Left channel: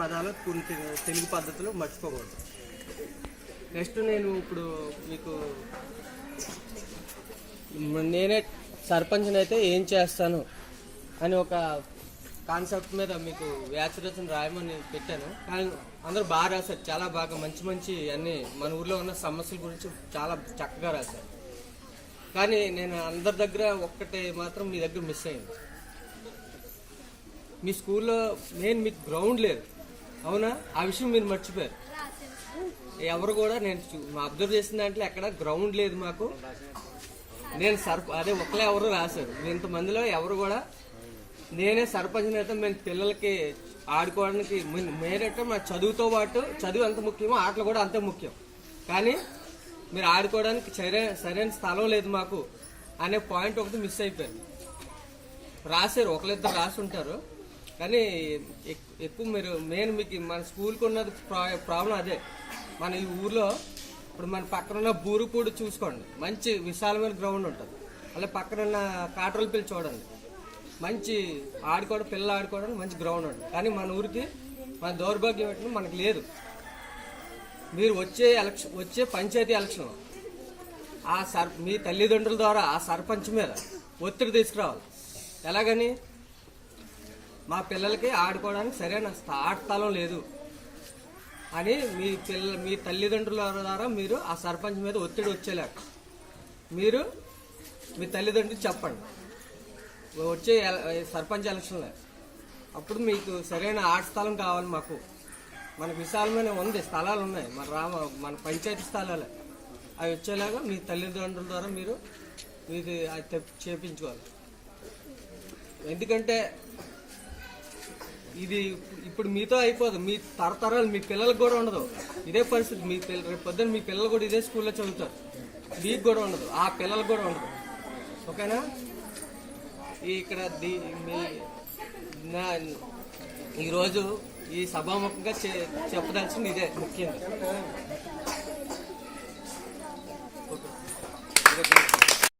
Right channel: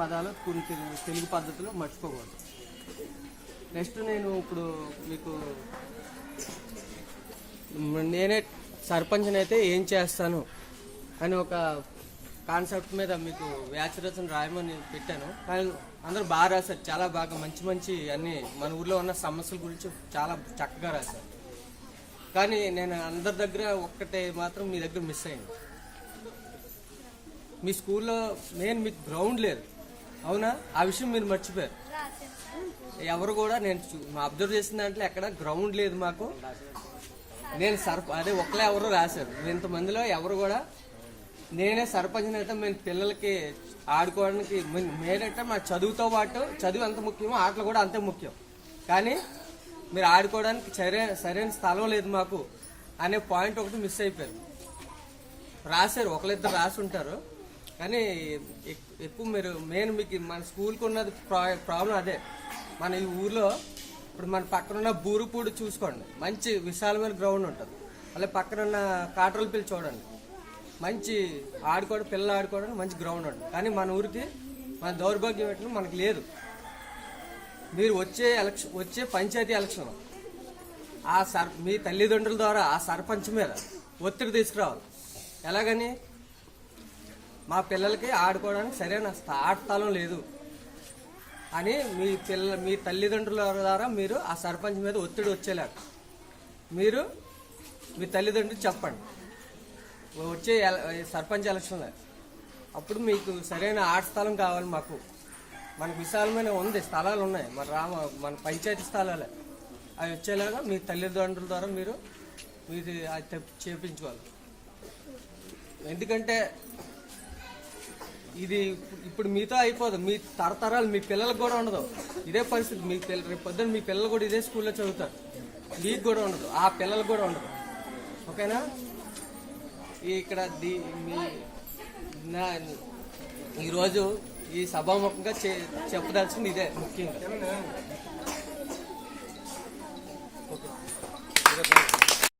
పదాలు కొన్ని తెలుగు పద్ధతులు మర్చిపోకూడదు. నెక్స్ట్ నేను ఇప్పుడు మీకు నేనే సర్పంచ్ని అయితే ఏం చేస్తాను అని ఒక కాన్సెప్ట్ మీద మీకు వ్యాసరచన రాయమని పెట్టాను. కానీ అందరూ బాగా రాశారు, చాలా బాగా మంచి మంచి అన్ని మన ఊర్లో ఉన్న సమస్యల గురించి చాలా చక్కగా రాశారు. కానీ నేను అందరి దగ్గర ఒక్కటే మాత్రం మీ దగ్గర మిస్ అయింది. మీ స్కూల్లో మీకు గ్రౌండ్ లేదు, అవునా? ఆ విషయం మీరు మర్చిపోయారు. ఎవరు కూడా నేను అబ్జర్వ్ చేసిన దాంట్లో ఎక్కడ గ్రౌండ్ లేదు మాకు. నేను అదే ఒక్కలే ఎవరు రాశారు. ఇంతమందిలో ఎవరు కూడా నేనే సర్పంచ్ అయితే మేము పిల్లలకి ఆడుకోవడానికి మేరైతే మా చదువుతో పాటు చదువు ఎంత ముఖ్యమో ఆటలు కూడా అంతే ముఖ్యం. కానీ మీరు ఆడుకోవడానికి సరైన స్థలం లేదు మాకు అనే పాయింట్ ఒకటి మిస్ అయిపోయింది. రాశారు, ఒకరిద్దరు రాసి ఉంటారు, కానీ ఎక్కువ నేను మీకు మన స్కూల్కి ఉన్నది ప్రాబ్లం అదే. మన ఈ ఊర్లో ఇప్పుడు మన పక్కన ఉన్న బూరుపూడి చూసుకోండి, మంచి విశాలమైన గ్రౌండ్ ఉంటుంది. అలాగే పక్కన ఉన్న కాట్రోలపల్లి చూడండి, మంచి పిల్లలు ఆడుకోవడానికి మంచి గ్రౌండ్ ఉంటుంది. కానీ మన ఊరికి మన దౌర్భాగ్యం ఏంటంటే మనకు లేదు. మీరు వచ్చే పంచాయతీ ఎలక్షన్ మీ తల్లిదండ్రుల ద్వారా ఆ సర్పంచ్ మీద ఒత్తిడి తీసుకురావాలి. ఎలాగని? మా పిల్లలకి ఆడుకోవడానికి సరైన ఆట స్థలం లేదు అని మీ తల్లిదండ్రుల ద్వారా మీరు ఆ సర్పంచ్ మీద ఒత్తిడి వచ్చేలాగా మీరు మీ తల్లిదండ్రులు చెప్పండి. వచ్చే సర్పంచ్ ఎలక్షన్లో అప్పుడు మీకు సరైన ఆట స్థలం కావాలి. మనకు విశాలమైన ఉంది, స్థలాలు ఉన్నాయి, మన పంచాయతీ స్థలాలే. అవి వచ్చేలాగా మీ తల్లిదండ్రుల ద్వారా మీరు మీది అది చేపించుకోవాలి. ఎందుకంటే ఇది ఇప్పుడు మీతో అయిపోదు, మీ తరతరాలు మీ పిల్లలకు కూడా ఉండదు ఇదే పరిస్థితి. రేపు పొద్దున్న మీ పిల్లలు కూడా ఇదే స్కూల్లో చదువుతారు, మీకు కూడా ఉండదు, ఆ పిల్లలకు కూడా ఉండదు. ఓకేనా? ఇక్కడ ఈరోజు ఈ సభాముఖంగా చెప్పదలసింది ఇదే ముఖ్యంగా.